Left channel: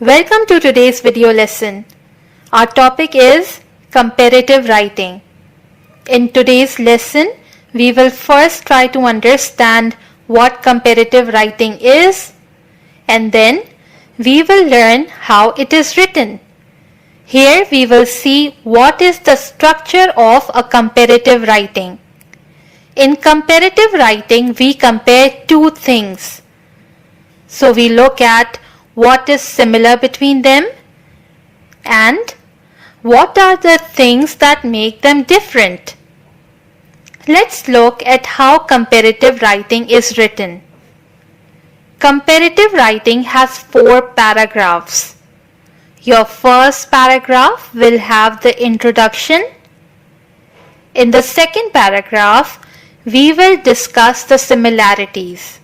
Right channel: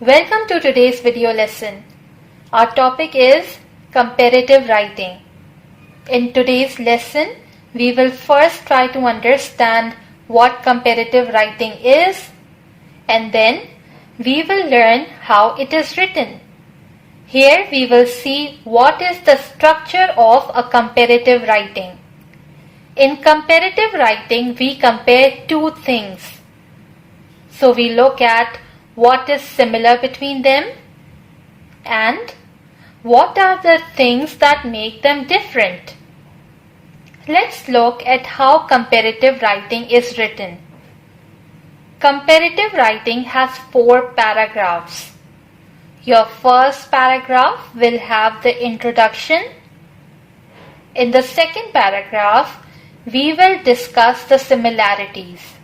Welcome to today's video lesson. Our topic is comparative writing. In today's lesson, we will first try to understand what comparative writing is, and then we will learn how it is written. Here we will see what is the structure of a comparative writing. In comparative writing, we compare two things. So we look at what is similar between them and what are the things that make them different. Let's look at how comparative writing is written. Comparative writing has 4 paragraphs. Your first paragraph will have the introduction. In the second paragraph, we will discuss the similarities.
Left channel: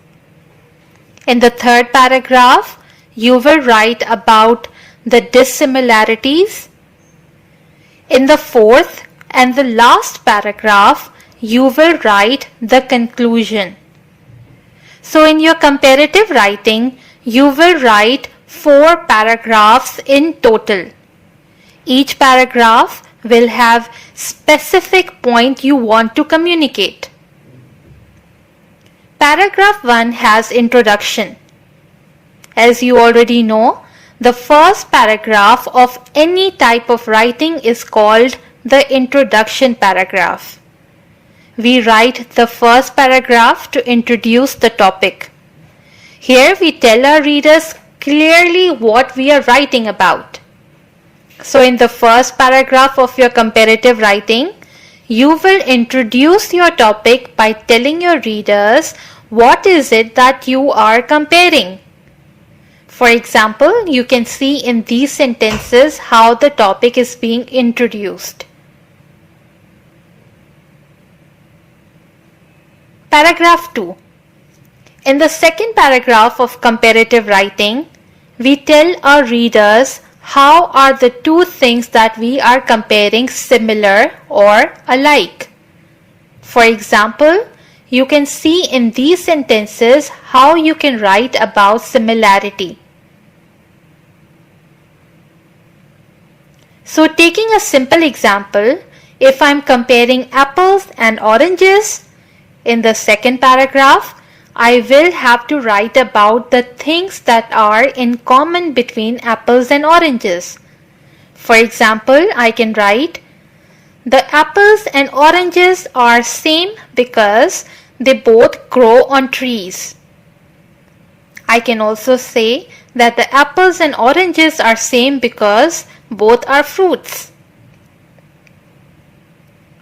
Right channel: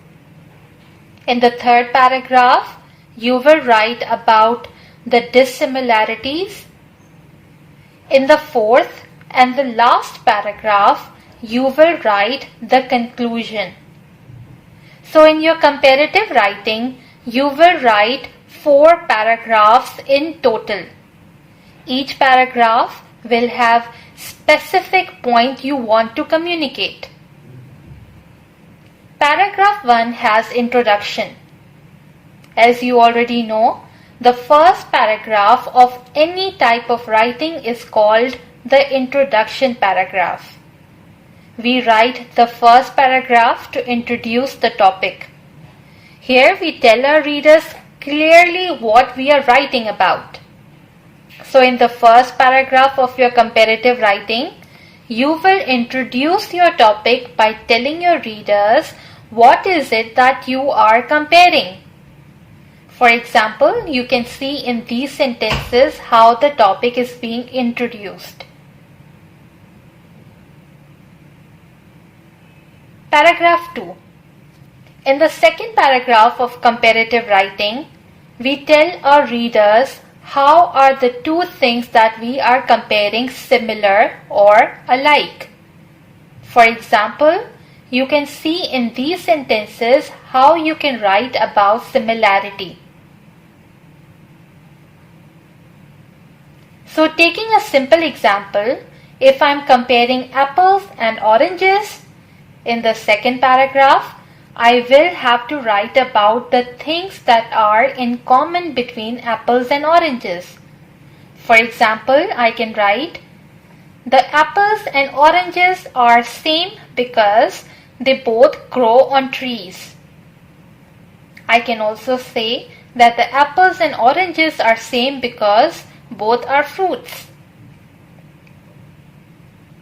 In the third paragraph, you will write about the dissimilarities. In the fourth and the last paragraph, you will write the conclusion. So in your comparative writing, you will write 4 paragraphs in total. Each paragraph will have specific point you want to communicate. Paragraph 1 has introduction. As you already know, the first paragraph of any type of writing is called the introduction paragraph. We write the first paragraph to introduce the topic. Here we tell our readers clearly what we are writing about. So in the first paragraph of your comparative writing, you will introduce your topic by telling your readers what is it that you are comparing. For example, you can see in these sentences how the topic is being introduced. Paragraph 2. In the second paragraph of comparative writing, we tell our readers how are the two things that we are comparing similar or alike. For example, you can see in these sentences how you can write about similarity. So taking a simple example, if I am comparing apples and oranges, in the second paragraph, I will have to write about the things that are in common between apples and oranges. For example, I can write, the apples and oranges are same because they both grow on trees. I can also say that the apples and oranges are same because both are fruits.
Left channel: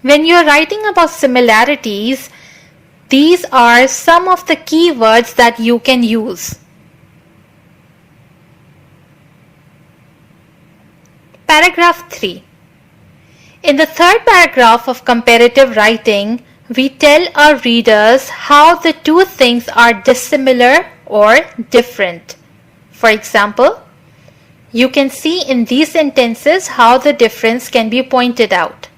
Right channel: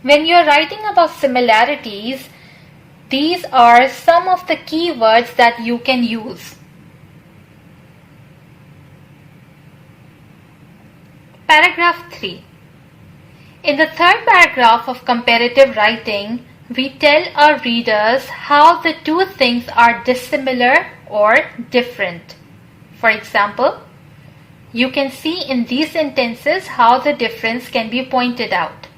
When you are writing about similarities, these are some of the key words that you can use. Paragraph 3. In the third paragraph of comparative writing, we tell our readers how the two things are dissimilar or different. For example, you can see in these sentences how the difference can be pointed out.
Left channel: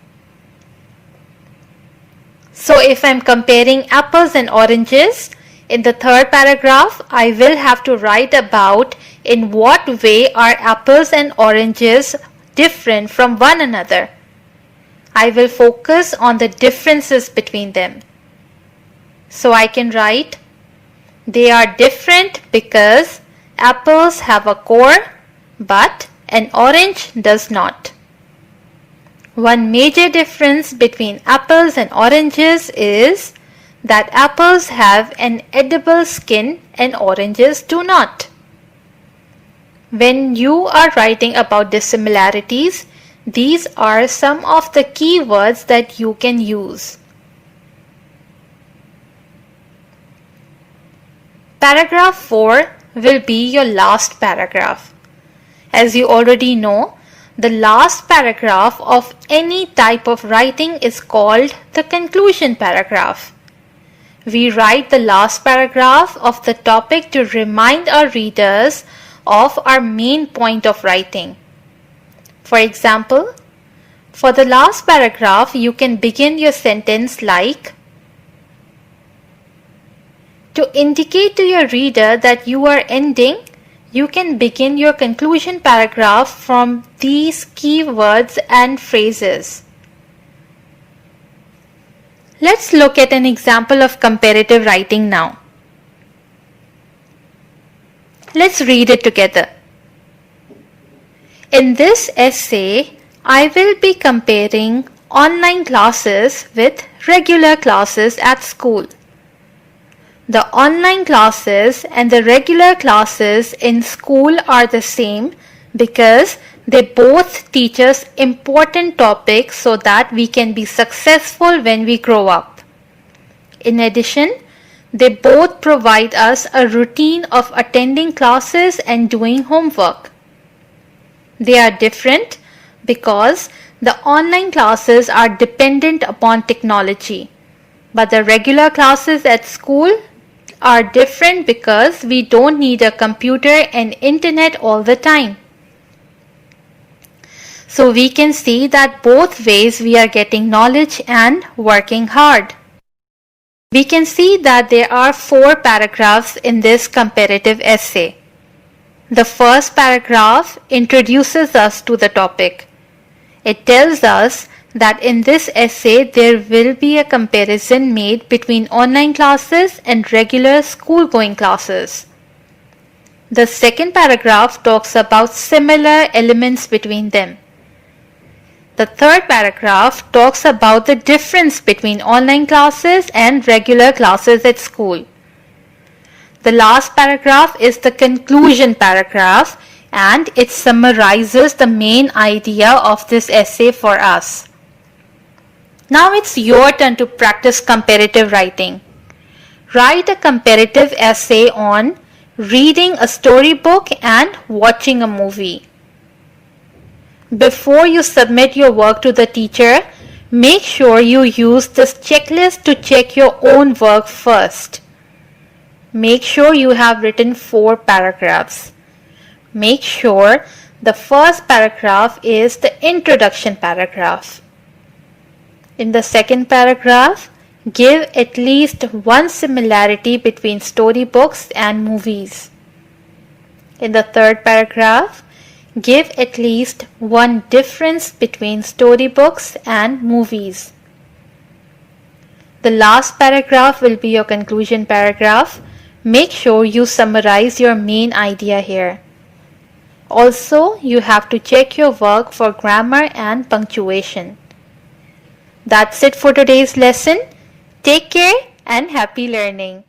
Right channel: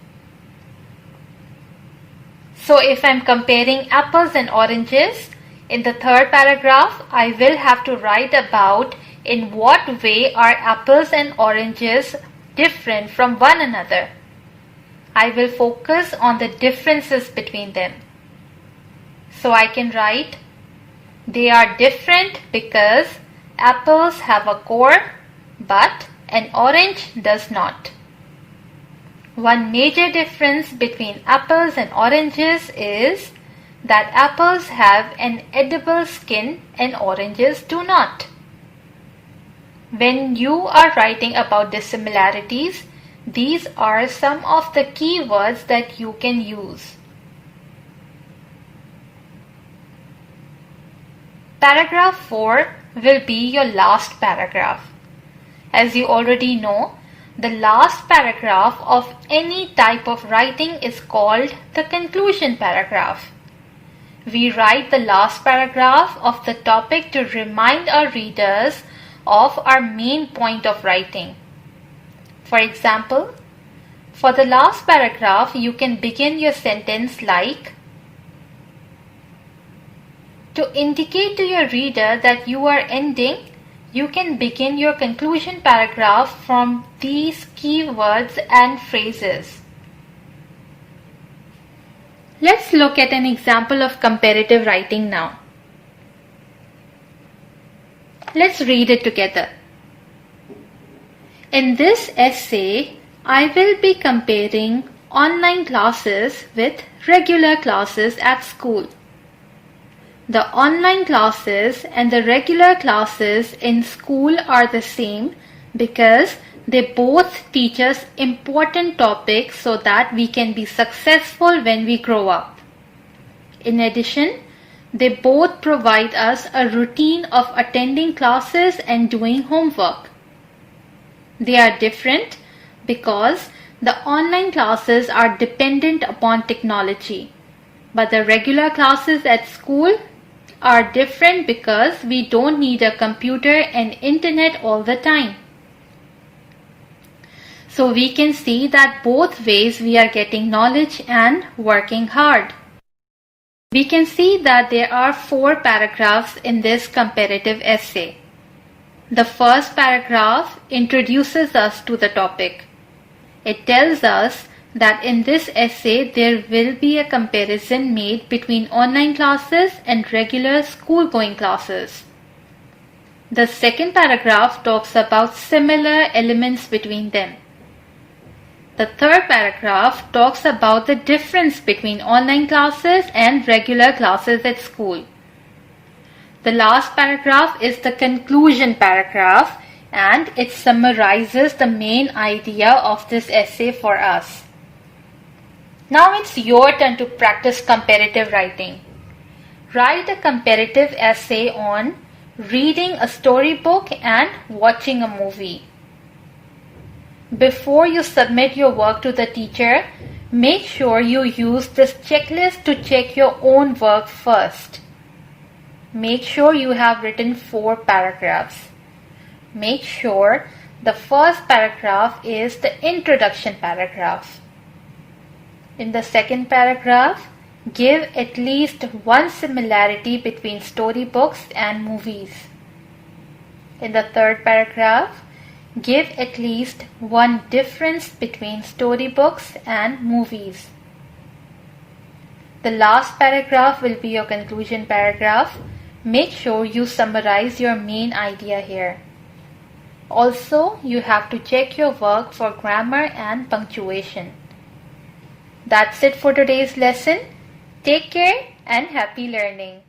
So if I am comparing apples and oranges, in the third paragraph, I will have to write about in what way are apples and oranges different from one another. I will focus on the differences between them. So I can write, they are different because apples have a core, but an orange does not. One major difference between apples and oranges is that apples have an edible skin and oranges do not. When you are writing about dissimilarities, these are some of the key words that you can use. Paragraph 4 will be your last paragraph. As you already know, the last paragraph of any type of writing is called the conclusion paragraph. We write the last paragraph of the topic to remind our readers of our main point of writing. For example, for the last paragraph, you can begin your sentence like, to indicate to your reader that you are ending, you can begin your conclusion paragraph from these keywords and phrases. Let's look at an example of comparative writing now. Let's read it together. In this essay, I will be comparing online classes with regular classes at school. The online classes and the regular classes in school are the same because they both teach us important topics so that we can be successful when we grow up. In addition, they both provide us a routine of attending classes and doing homework. They are different because the online classes are dependent upon technology, but the regular classes at school are different because we don't need a computer and internet all the time. So we can see that both ways we are getting knowledge and working hard. We can see that there are 4 paragraphs in this comparative essay. The first paragraph introduces us to the topic. It tells us that in this essay there will be a comparison made between online classes and regular school-going classes. The second paragraph talks about similar elements between them. The third paragraph talks about the difference between online classes and regular classes at school. The last paragraph is the conclusion paragraph, and it summarizes the main idea of this essay for us. Now it's your turn to practice comparative writing. Write a comparative essay on reading a storybook and watching a movie. Before you submit your work to the teacher, make sure you use this checklist to check your own work first. Make sure you have written 4 paragraphs. Make sure the first paragraph is the introduction paragraph. In the second paragraph, give at least one similarity between storybooks and movies. In the third paragraph, give at least one difference between storybooks and movies. The last paragraph will be your conclusion paragraph. Make sure you summarize your main idea here. Also, you have to check your work for grammar and punctuation. That's it for today's lesson. Take care and happy learning.